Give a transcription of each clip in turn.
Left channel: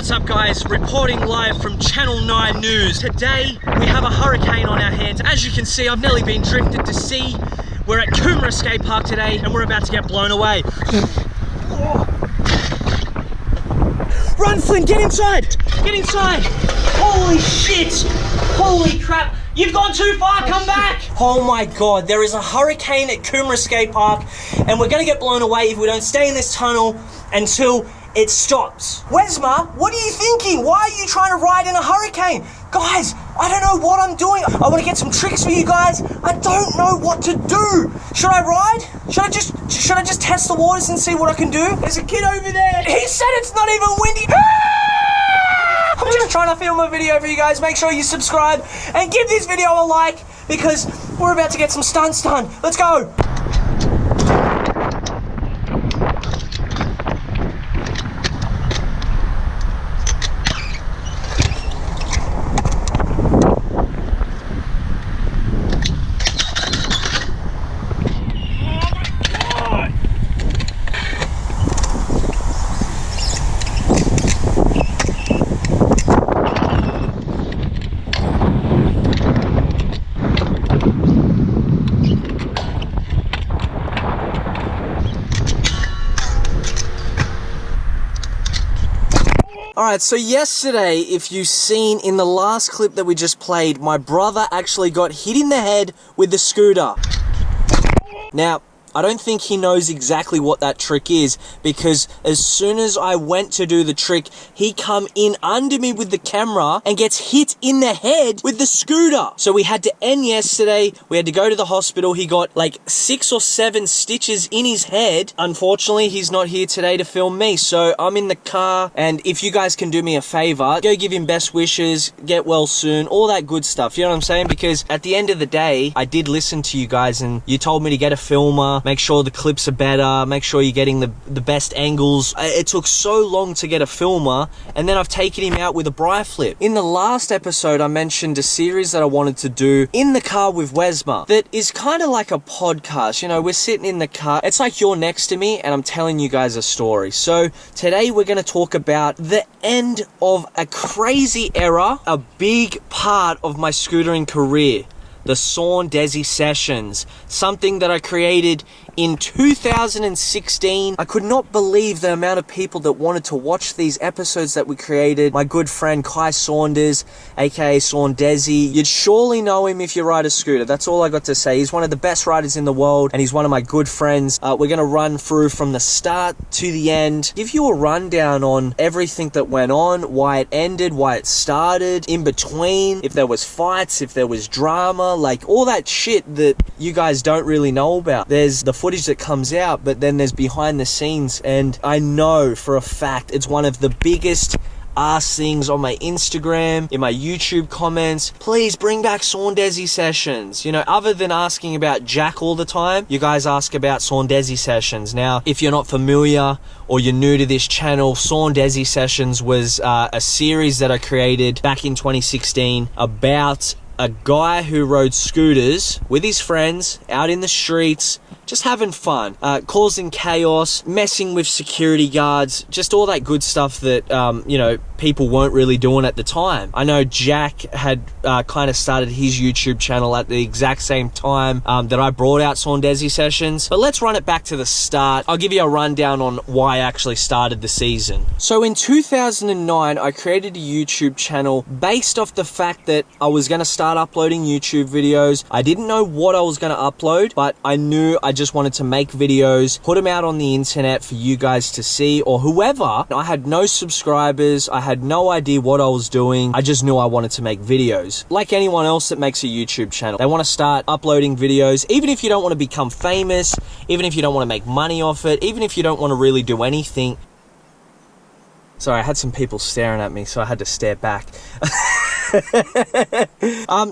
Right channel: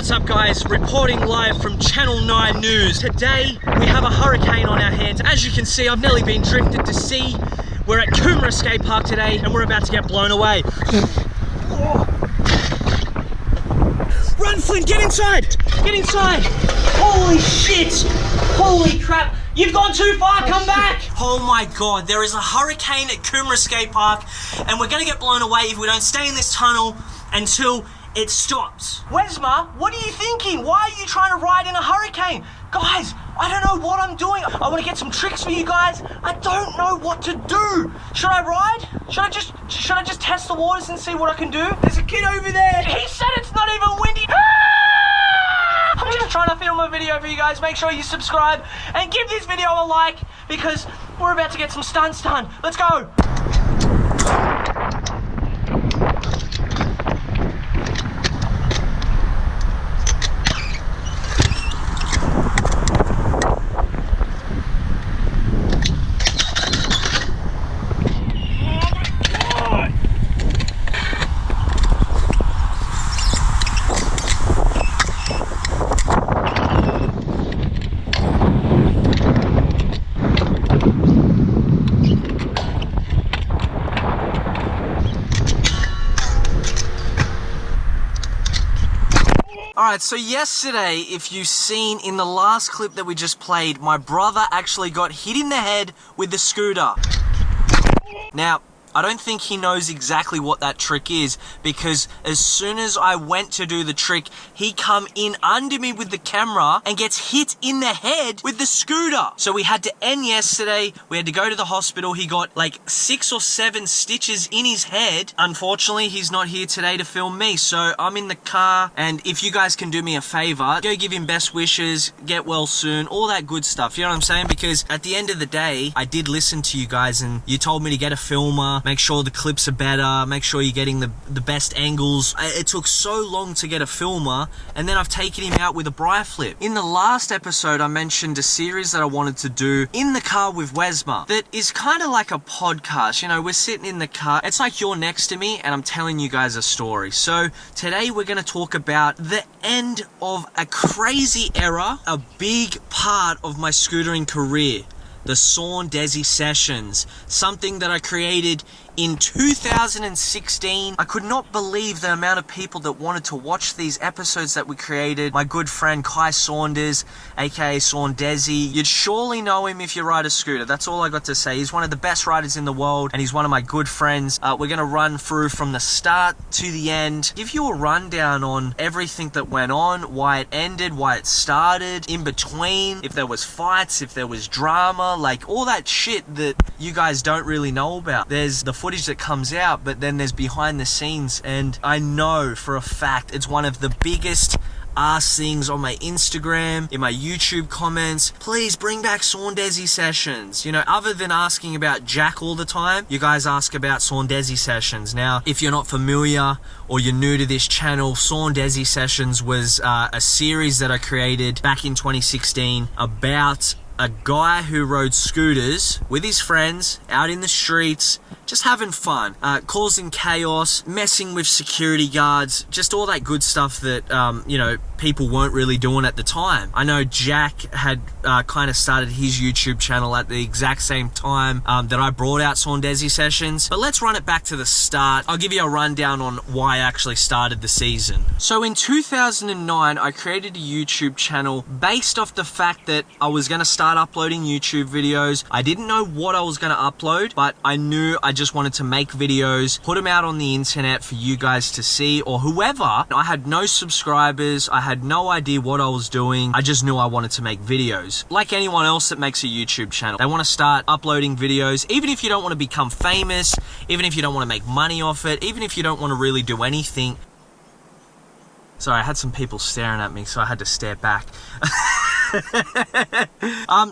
What's up guys, reporting live from Channel 9 News. Today we have a hurricane on our hands. As you can see, I've nearly been drifted to sea. We're at Coomera Skate Park today and we're about to get blown away. Run Flynn, get inside! Get inside! Holy shit! Holy crap! You've gone too far, come back! Oh my god, there is a hurricane at Coomera Skate Park and we're gonna get blown away if we don't stay in this tunnel until it stops. WEZMA, what are you thinking? Why are you trying to ride in a hurricane? Guys, I don't know what I'm doing. I want to get some tricks for you guys. I don't know what to do. Should I ride? Should I just test the waters and see what I can do? There's a kid over there. He said it's not even windy. I'm just trying to film a video for you guys. Make sure you subscribe and give this video a like because we're about to get some stunts done. Let's go. Alright, so yesterday, if you've seen in the last clip that we just played, my brother actually got hit in the head with the scooter. Now, I don't think he knows exactly what that trick is because as soon as I went to do the trick, he come in under me with the camera and gets hit in the head with the scooter. So we had to end yesterday. We had to go to the hospital. He got like 6 or 7 stitches in his head. Unfortunately, he's not here today to film me. So I'm in the car and if you guys can do me a favor, go give him best wishes, get well soon, all that good stuff. You know what I'm saying? Because at the end of the day, I did listen to you guys and you told me to get a filmer. Make sure the clips are better, make sure you're getting the best angles. It took so long to get a filmer, and then I've taken him out with a bri flip. In the last episode, I mentioned a series that I wanted to do in the car with WEZMA that is kind of like a podcast. You know, we're sitting in the car, it's like you're next to me, and I'm telling you guys a story. So today we're going to talk about the end of a crazy era, a big part of my scootering career. The Sawn Desi sessions, something that I created in 2016. I could not believe the amount of people that wanted to watch these episodes that we created. My good friend Kai Saunders, aka Sawn Desi. You'd surely know him if you ride a scooter. That's all I got to say. He's one of the best riders in the world and he's one of my good friends. We're going to run through from the start to the end, give you a rundown on everything that went on, why it ended, why it started, in between, if there was fights, if there was drama, like all that shit that you guys don't really know about. There's the footage that comes out, but then there's behind the scenes, and I know for a fact it's one of the biggest ask things on my Instagram, in my YouTube comments. Please bring back Sawn Desi sessions. You know, other than asking about Jack all the time, you guys ask about Sawn Desi sessions. Now, if you're not familiar or you're new to this channel, Sawn Desi sessions was a series that I created back in 2016 about a guy who rode scooters with his friends out in the streets, just having fun, causing chaos, messing with security guards, just all that good stuff that, you know, people weren't really doing at the time. I know Jack had kind of started his YouTube channel at the exact same time that I brought out Sawn Desi sessions. But let's run it back to the start. I'll give you a rundown on why I actually started the season. So in 2009, I created a YouTube channel based off the fact that I was going to start uploading YouTube videos. I didn't know what I was going to upload, but I knew I just wanted to make videos, put them out on the internet for you guys to see or whoever. I had no subscribers. I had no idea what I was doing. I just knew I wanted to make videos. Like anyone else that makes a YouTube channel, they want to start uploading videos, even if you don't want to become famous, even if you don't want to make money off it, even if you don't want to really do anything. Sorry, I had some people staring at me, so I had to stare back.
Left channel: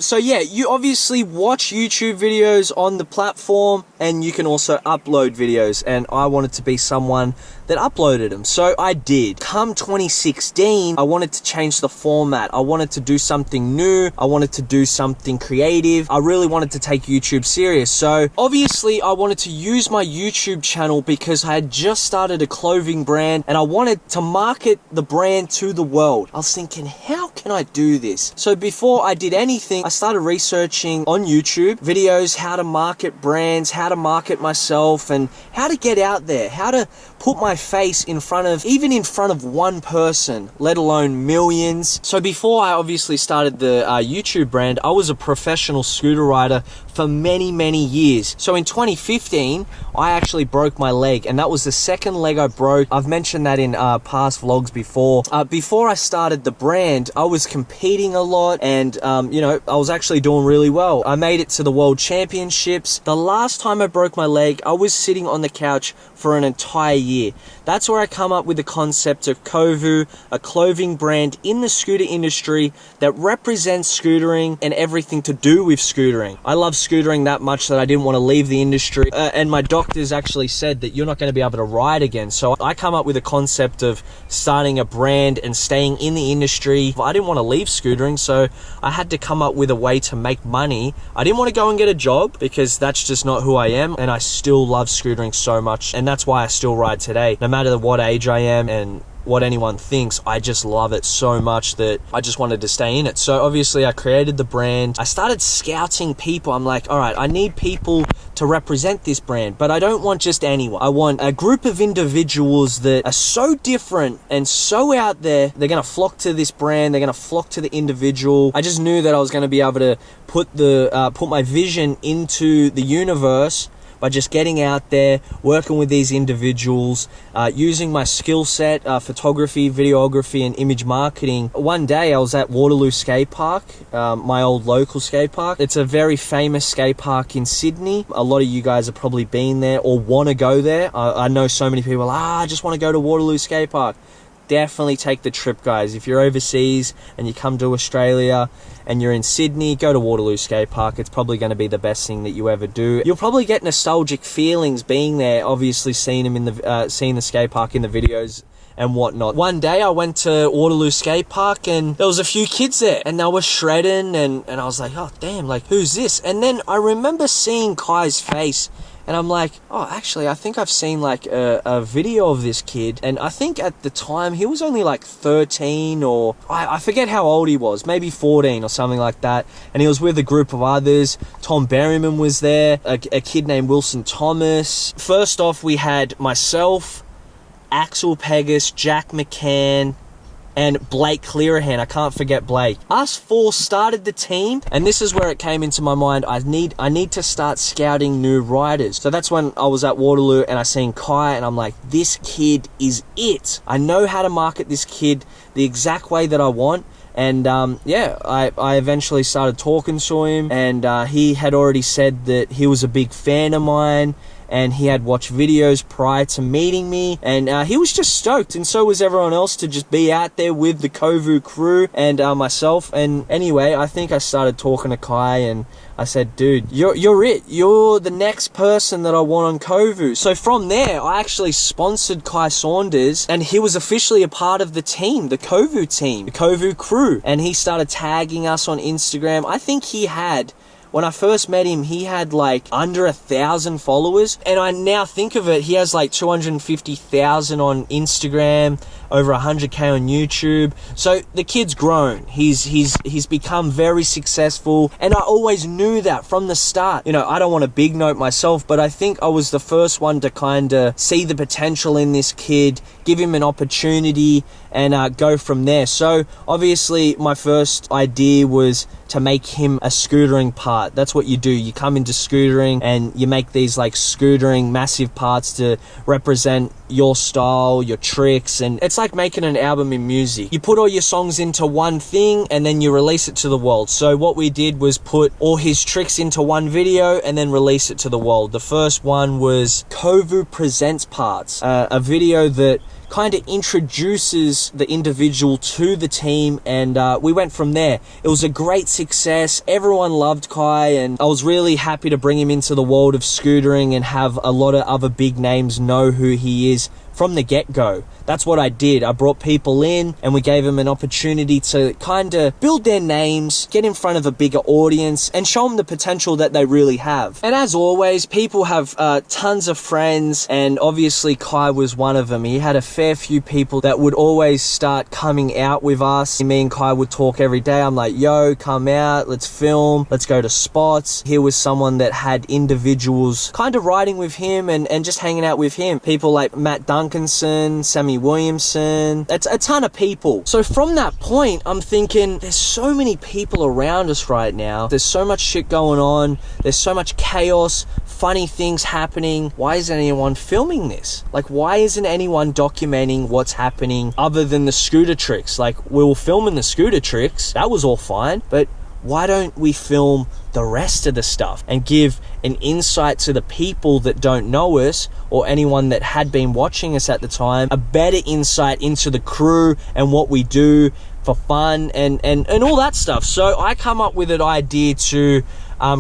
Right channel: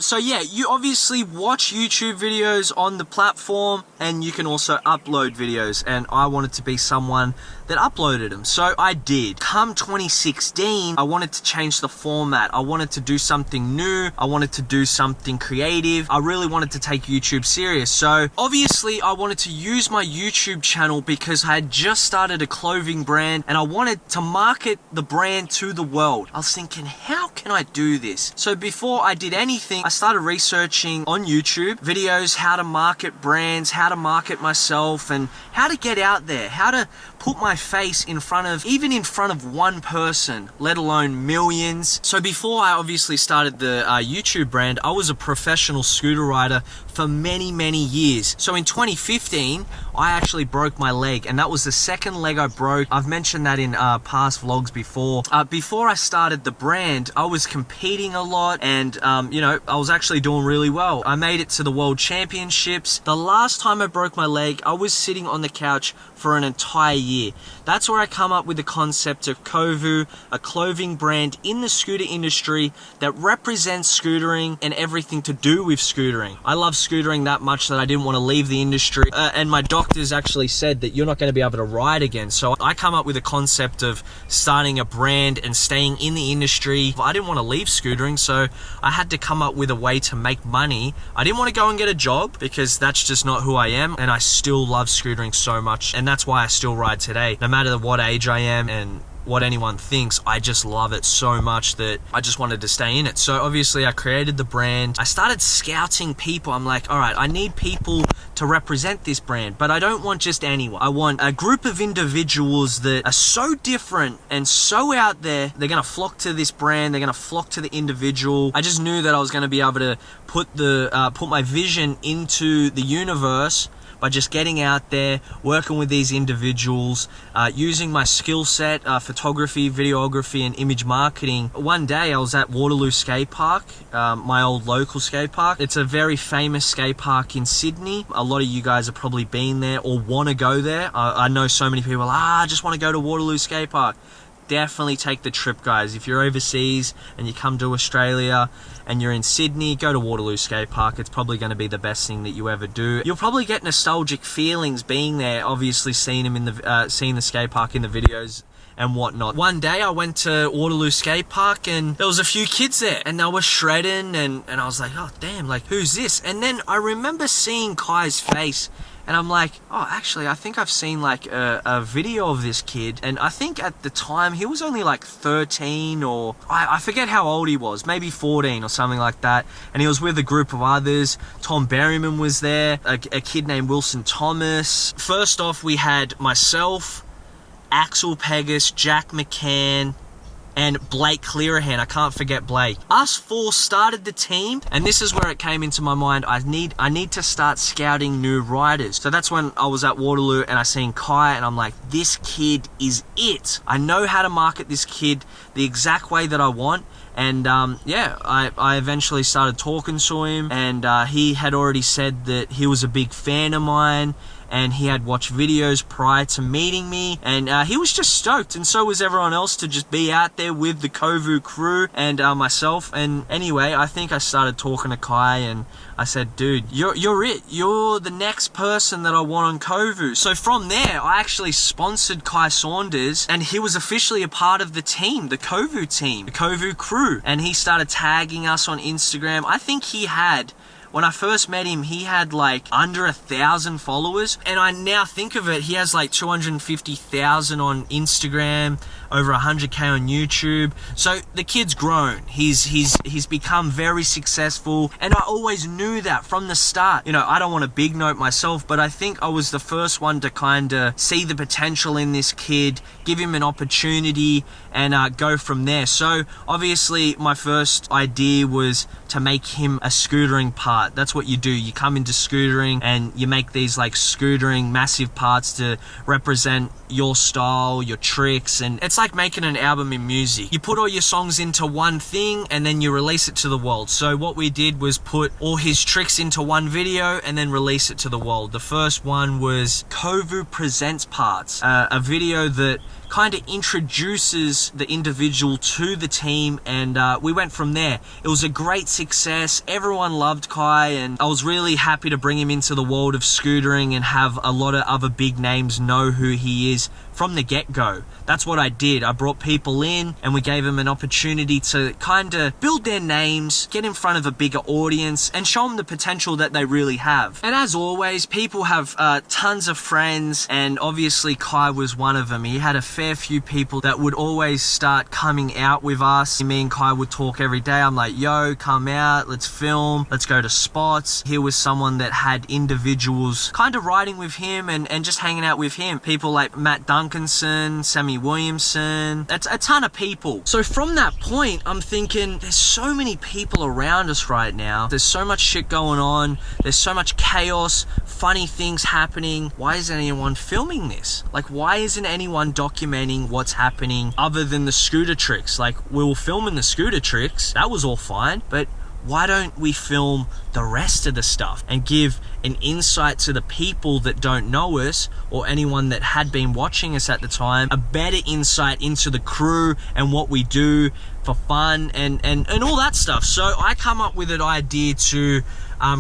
So yeah, you obviously watch YouTube videos on the platform. and you can also upload videos, and I wanted to be someone that uploaded them, so I did. Come 2016, I wanted to change the format. I wanted to do something new. I wanted to do something creative. I really wanted to take YouTube serious. So obviously I wanted to use my YouTube channel because I had just started a clothing brand and I wanted to market the brand to the world. I was thinking, how can I do this? So before I did anything, I started researching on YouTube videos, how to market brands, how to market myself, and how to get out there, how to put my face in front of, even in front of one person, let alone millions. So before I obviously started the YouTube brand, I was a professional scooter rider for many, many years. So in 2015, I actually broke my leg, and that was the second leg I broke. I've mentioned that in past vlogs before. Before I started the brand, I was competing a lot, and you know, I was actually doing really well. I made it to the World Championships. The last time I broke my leg, I was sitting on the couch for an entire year. That's where I come up with the concept of Kovu, a clothing brand in the scooter industry that represents scootering and everything to do with scootering. I love scootering that much that I didn't want to leave the industry, and my doctors actually said that you're not going to be able to ride again. So I come up with a concept of starting a brand and staying in the industry. I didn't want to leave scootering, so I had to come up with a way to make money. I didn't want to go and get a job because that's just not who I am, and I still love scootering so much, and that's why I still ride today. No matter what age I am and what anyone thinks, I just love it so much that I just wanted to stay in it. So obviously I created the brand. I started scouting people. I'm like, all right, I need people to represent this brand, but I don't want just anyone. I want a group of individuals that are so different and so out there. They're gonna flock to this brand. They're gonna flock to the individual. I just knew that I was gonna be able to put my vision into the universe by just getting out there, working with these individuals, using my skill set, photography, videography, and image marketing. One day I was at Waterloo Skate Park, my old local skate park. It's a very famous skate park in Sydney. A lot of you guys have probably been there or want to go there. I know so many people, I just want to go to Waterloo Skate Park. Definitely take the trip, guys. If you're overseas and you come to Australia and you're in Sydney, go to Waterloo Skate Park. It's probably going to be the best thing that you ever do. You'll probably get nostalgic feelings being there, obviously seeing the skate park in the videos and whatnot. One day I went to Waterloo Skate Park and there was a few kids there and they were shredding, and I was like, oh damn, like who's this? And then I remember seeing Kai's face, and I'm like, oh, actually, I think I've seen like a video of this kid. And I think at the time he was only like 13, or I forget how old he was, maybe 14 or something like that. And he was with a group of others. Tom Berryman was there, a kid named Wilson Thomas. First off, we had myself, Axel Pegas, Jack McCann, and Blake Clearahan. I can't forget Blake. Us four started the team, and this is where it came into my mind. I need to start scouting new riders. So that's when I was at Waterloo and I seen Kai, and I'm like, this kid is it. I know how to market this kid the exact way that I want. And yeah, I eventually started talking to him, and he had already said that he was a big fan of mine, and he had watched videos prior to meeting me, and he was just stoked, and so was everyone else, to just be out there with the Kovu crew and myself. And anyway, I think I started talking to Kai, and I said, dude, you're it. You're the next person that I want on Kovu. So from there, I actually sponsored Kai Saunders, and he was officially a part of the team, the Kovu team, the Kovu crew, and he started tagging us on Instagram. I think he had, when I first met him, he had like under 1,000 followers, and I now think of it, he has like 250,000 on Instagram, over 100k on YouTube. So the kid's grown. He's become very successful, and I always knew that from the start. You know, I don't want to big note myself, but I think I was the first one to kind of see the potential in this kid, give him an opportunity, and go from there. So obviously my first idea was to make him a scootering part. That's what you do. You come into scootering and you make these like scootering massive parts to represent your style, your tricks, and it's like making an album in music. You put all your songs into one thing and then you release it to the world. So what we did was put all his tricks into one video and then release it to the world. The first one was Kovu Presents Parts, a video that kind of introduces the individual to the team, and we went from there. It was a great success. Everyone loved Kai, and I was really happy to bring him into the world of scootering and have a lot of other big names know who he is from the get-go. That's what I did. I brought people in and we gave them an opportunity to kind of build their names, get in front of a bigger audience, and show them the potential that they really have. And as always, people have tons of friends, and obviously Kai was one of them. He had a fair few people that would always start coming out with us. Me and Kai would talk every day. I'm like, yo, come out, let's film, let's go to spots. Here was someone that had individuals kind of riding with him and just hanging out with him. People like Matt Duncanson, Sammy Williamson, that's a ton of people. So from that point, I'm thinking, there's so many people around us right now. There's so much shit going on. There's so much chaos, funny things happening. Why isn't anyone filming this? Like, why isn't anyone documenting what's happening other than the scooter tricks? Like, we were filming the scooter tricks. That was all fine, but why don't we film the rest of the stuff and give an insight to the people that don't know us, or anyone that had been watching us at the time, a better insight into the crew and what we do for fun and all that stuff. So I come up with an idea to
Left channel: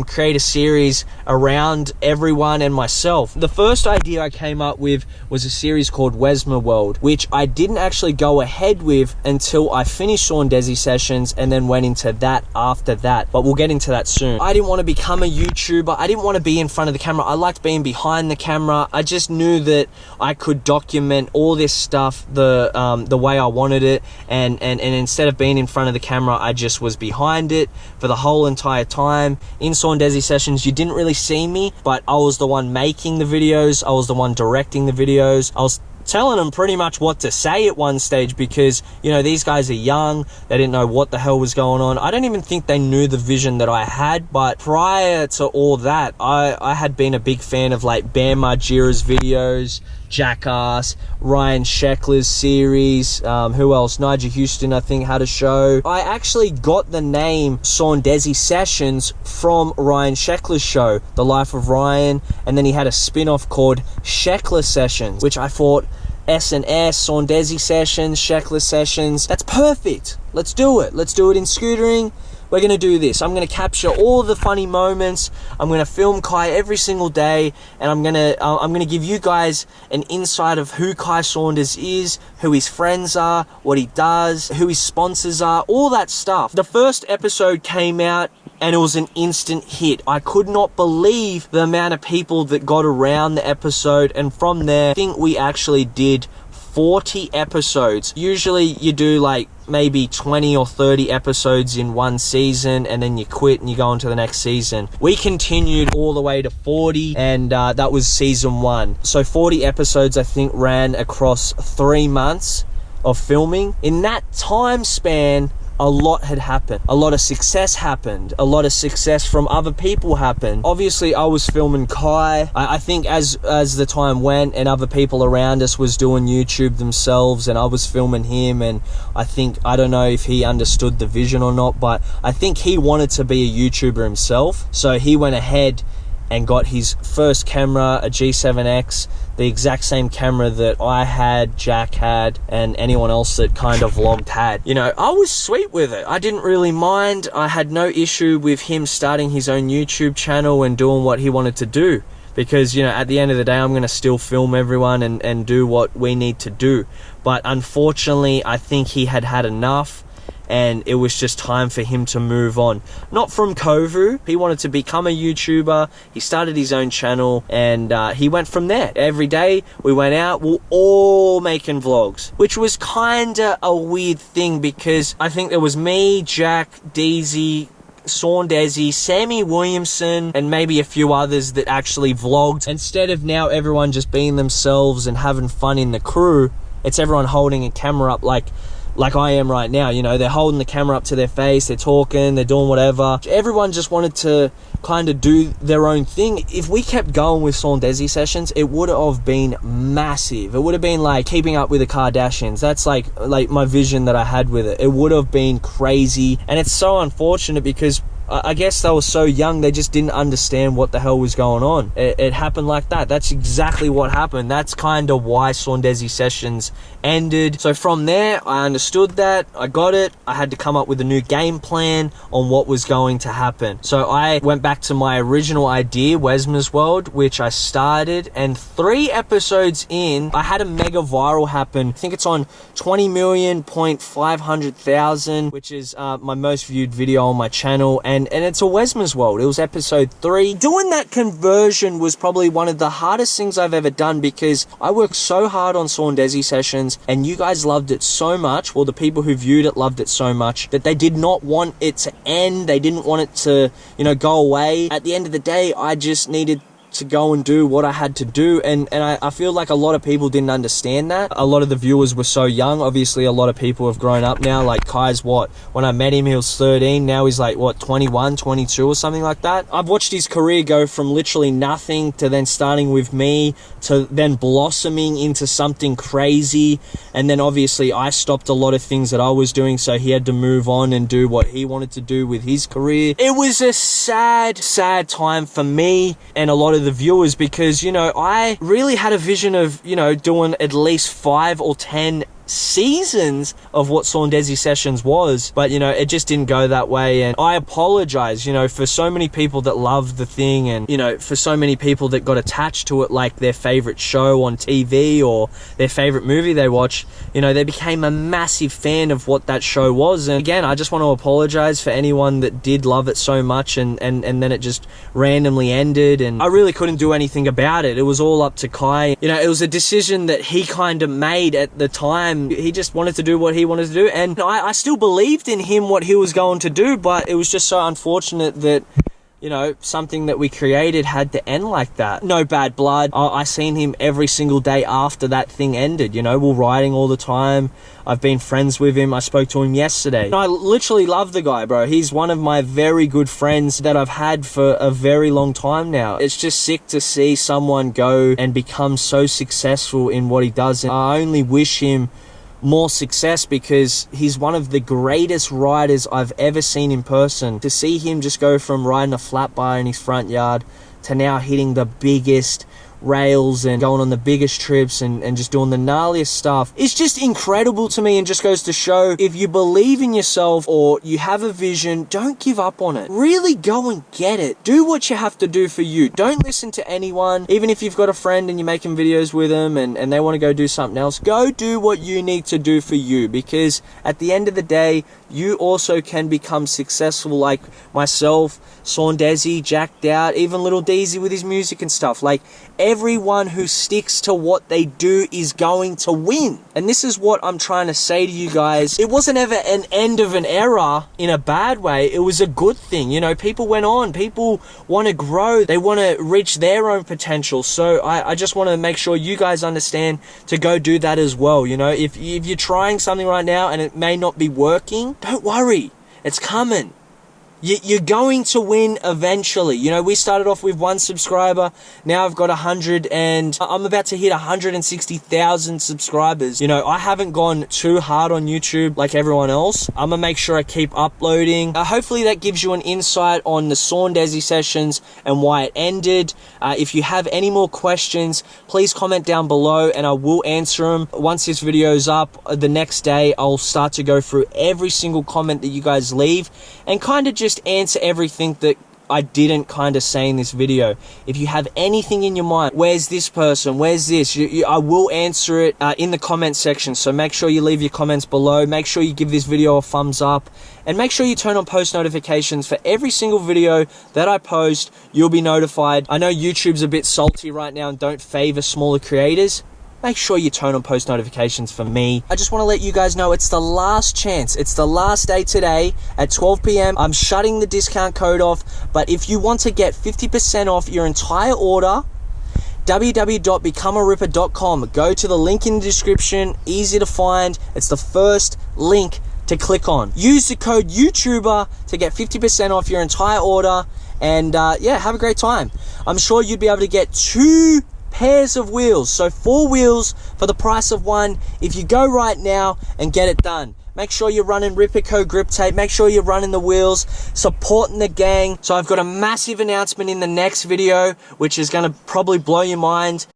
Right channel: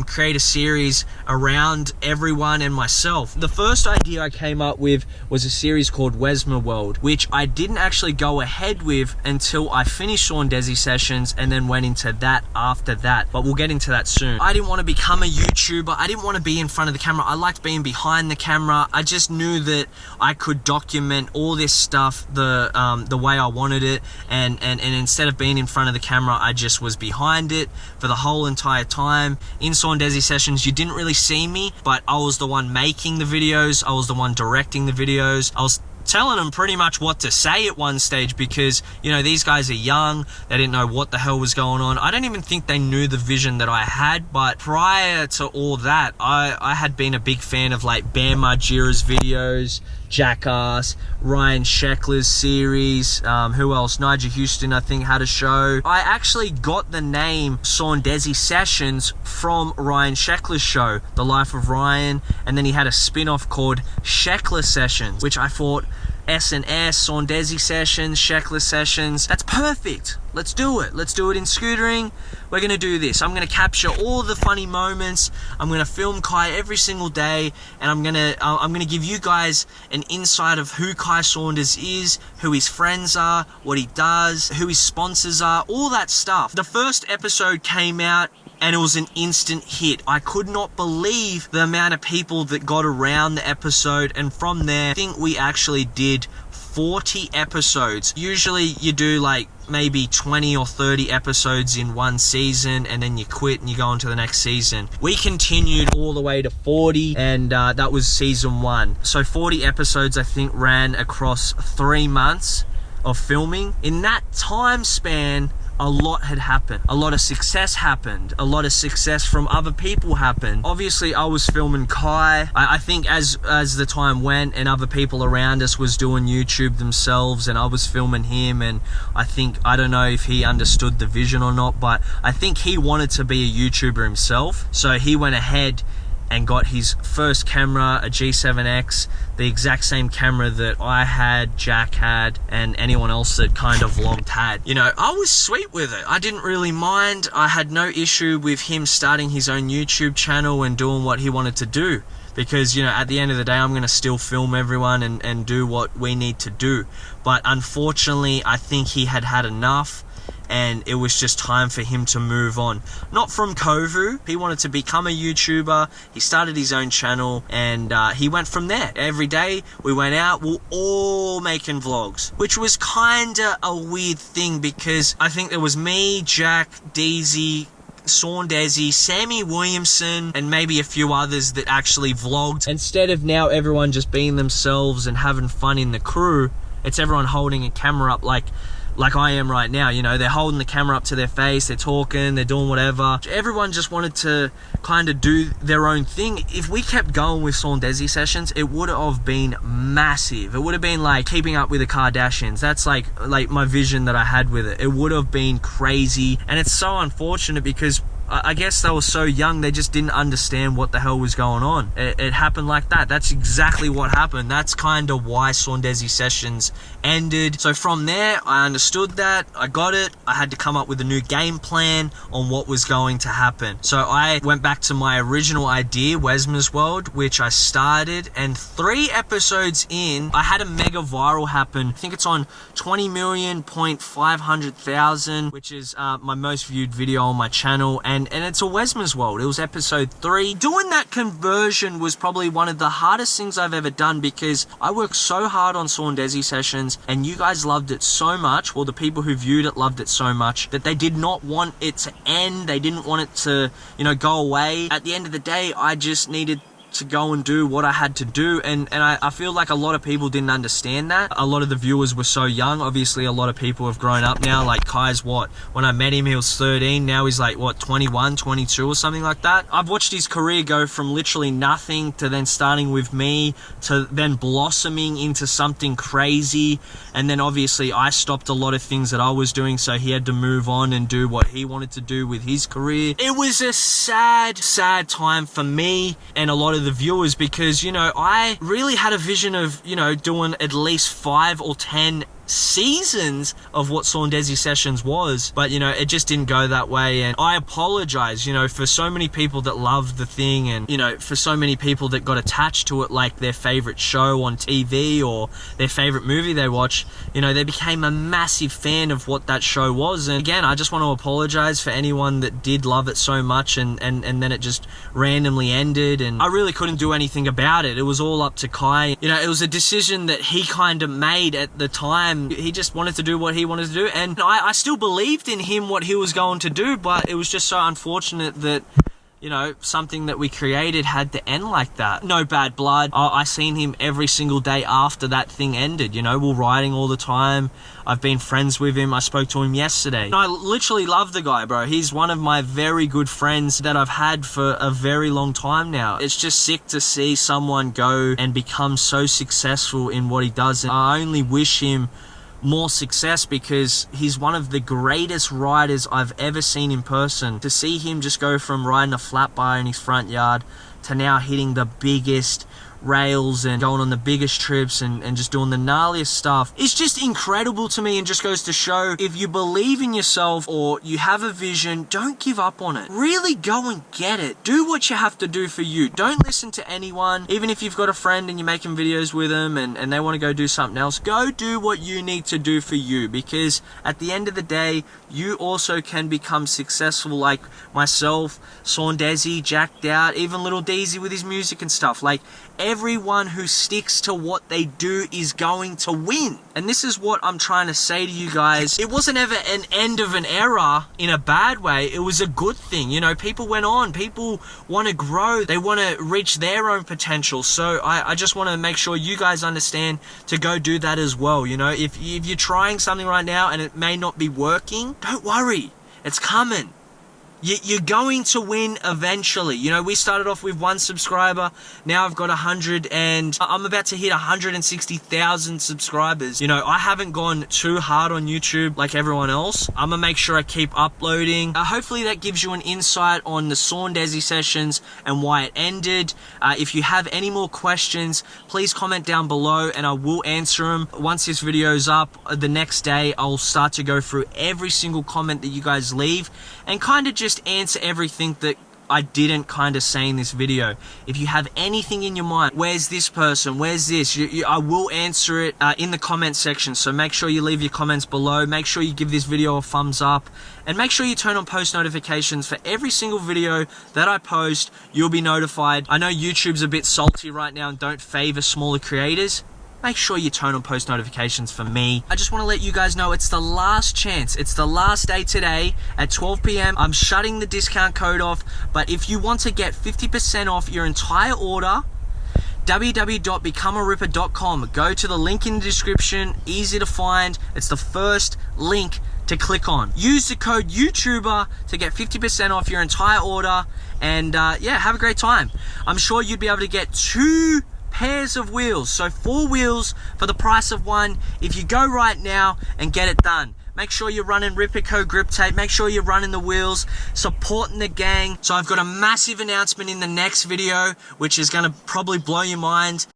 create a series around everyone and myself. The first idea I came up with was a series called WEZMA World, which I didn't actually go ahead with until I finished Sawn Desi sessions and then went into that after that, but we'll get into that soon. I didn't want to become a YouTuber. I didn't want to be in front of the camera. I liked being behind the camera. I just knew that I could document all this stuff the way I wanted it, and instead of being in front of the camera, I just was behind it for the whole entire time. In Sawn Desi sessions, you didn't really see me, but I was the one making the videos. I was the one directing the videos. I was telling them pretty much what to say at one stage, because, you know, these guys are young. They didn't know what the hell was going on. I don't even think they knew the vision that I had. But prior to all that, I had been a big fan of like Bam Margera's videos, Jackass, Ryan Sheckler's series, who else? Nigel Houston, I think, had a show. I actually got the name Sawn Desi Sessions from Ryan Sheckler's show, The Life of Ryan, and then he had a spin-off called Sheckler Sessions, which I thought, S&S, Sawn Desi Sessions, Sheckler Sessions, that's perfect. Let's do it. Let's do it in scootering. We're going to do this. I'm going to capture all the funny moments. I'm going to film Kai every single day, and I'm going to give you guys an insight of who Kai Saunders is, who his friends are, what he does, who his sponsors are, all that stuff. The first episode came out, and it was an instant hit. I could not believe the amount of people that got around the episode, and from there, I think we actually did 40 episodes. Usually you do like maybe 20 or 30 episodes in one season, and then you quit and you go on to the next season. We continued all the way to 40, and that was season 1. So 40 episodes, I think, ran across 3 months of filming. In that time span, a lot had happened. A lot of success happened. A lot of success from other people happened. Obviously, I was filming Kai. I think as the time went and other people around us was doing YouTube themselves, and I was filming him, and I don't know if he understood the vision or not, but I think he wanted to be a YouTuber himself. So he went ahead and got his first camera, a G7X, the exact same camera that I had, Jack had, and anyone else that kind of vlogged had. You know, I was sweet with it. I didn't really mind. I had no issue with him starting his own YouTube channel and doing what he wanted to do, because, you know, at the end of the day, I'm going to still film everyone and do what we need to do. But unfortunately, I think he had had enough, and it was just time for him to move on. Not from Kovu. He wanted to become a YouTuber. He started his own channel, and he went from there. Every day we went out, we were all making vlogs, which was kinda a weird thing, because I think there was me, Jack, Deezy, Sawn Desi, Sammy Williamson, and maybe a few others that actually vlogged. Instead of now everyone just being themselves and having fun in the crew, it's everyone holding a camera up like I am right now. You know, they're holding the camera up to their face, they're talking, they're doing whatever. Everyone just wanted to kind of do their own thing. If we kept going with Sawn Desi sessions, it would have been massive. It would have been like keeping up with the Kardashians. That's like my vision that I had with it. It would have been crazy, and it's so unfortunate because I guess they were so young, they just didn't understand what the hell was going on. It happened like that. That's exactly what happened. That's kind of why Sawn Desi sessions ended. So from there, I understood that. I got it. I had to come up with a new game plan on what was going to happen. So I went back to my original idea, WEZMA's World, which I started, and 3 episodes in, I had a mega viral happen. I think it's on 20,500,000, which is my most viewed video on my channel, and it's a WEZMA's World. It was episode 3. Doing that conversion was probably one of the hardest things I've ever done, because I worked so hard on Sawn Desi sessions, and you guys loved it so much, well, the people who viewed it loved it so much, that they did not want it to end. They didn't want it to, you know, go away. At the end of the day, I just needed to go and do what I had to do, and I feel like a lot of people didn't understand that. A lot of the viewers were so young. Obviously a lot of people have grown up now. Like Kai's what, when I met him he was 13, now he's like what, 21, 22 or something like that. I've watched his career go from literally nothing to then starting with me to then blossoming into something crazy, and then obviously I stopped a lot of things that I was doing, so he had to move on and do what he wanted to do with his career. It was a sad time for me and a lot of the viewers, because, you know, I really had a vision of, you know, doing at least 5 or 10 seasons of what Sawn Desi sessions was, but you know, it just didn't go that way. And I apologize, you know, for so many people that loved the thing, and you know, for so many people that got attached to it like their favorite show on TV or their favorite movie they watched. You know, they became a massive fan of what that show was. And again, I just want to apologize for anyone that did love it so much and then it just randomly ended, and I really couldn't do anything about it. It was all up to Kai. You know, it was a decision that he kind of made at the time. He just wanted to do what he wanted to do, and I still believed in him, what he was going to do, but it was just so unfortunate that, you know, something that we created had to end like that. No bad blood. I seen him every single day after that thing ended. You know, we're riding all the time. I've been friends with him. I spoke to him yesterday. I literally love the guy, bro. He's one of my very good friends that I've had for a very long time now. It's just sick to see someone go and become so successful in what he does. And I only wish him more success, because he's one of the greatest riders I've ever seen in person. To see him just go from riding a flat bar in his front yard to now hitting the biggest rails and going on the biggest trips and just doing the gnarliest stuff, it's just incredible to me, and just goes to show, if you believe in yourself or you have a vision, don't give up on it. Really go and get it. Do what you have to do for you. Don't listen to anyone. Even if you've got a friend and you're making videos with them and they want to go do something else, go do what you need to do for you, because at the end of the day, you also can become successful, like myself, Sawn Desi, Jacked Out, even Little Deezy with his music and stuff. Like, everyone who sticks to what they do is going to win. And this is what I'm trying to say to you guys. It wasn't ever an end of an era in a bad way. It was a good thing. You know, people went on. People want to grow. They want to reach their own potential. So I just want to make sure you guys understand to go do that as well. You know, if you're trying something right now and it may not be working, don't worry. It's coming. You're going to win eventually. You know, we started off with 1 subscriber. Now I've got 100, and I'm about to hit 160,000 subscribers. You know, I haven't gone too hard on YouTube like everyone else. I'm gonna make sure I keep uploading. Hopefully that gives you an insight on the Sawn Desi sessions and why it ended. If you have any more questions, please comment down below and I will answer them. Once this video's up, the next day, I'll start to go through every single comment that you guys leave and kind of just answer everything that I didn't kind of say in this video. If you have anything in your mind, where's this person, where's this, I will answer it in the comment section. So make sure you leave your comments below. Make sure you give this video a thumbs up, and make sure you turn on post notifications for every single video that I post. You'll be notified. I know YouTube's a bit salty right now and don't favor smaller creators. Make sure you turn on post notifications for me. I just want to let you guys know it's the last chance. It's the last day today at 12 PM. I'm shutting the discount code off, but if you want to get 50% off your entire order, www.becomearipper.com. Go to the link in the description. Easy to find. It's the first link to click on. Use the code YouTuber to get 50% off your entire order, and yeah, have a great time. I'm sure you'd be able to get 2 pairs of wheels. So 4 wheels for the price of 1 if you go right now and get it done. Make sure you're running Rippico grip tape. Make sure you're running the wheels, supporting the gang. So I've got a massive announcement in the next video, which is going to probably blow your mind.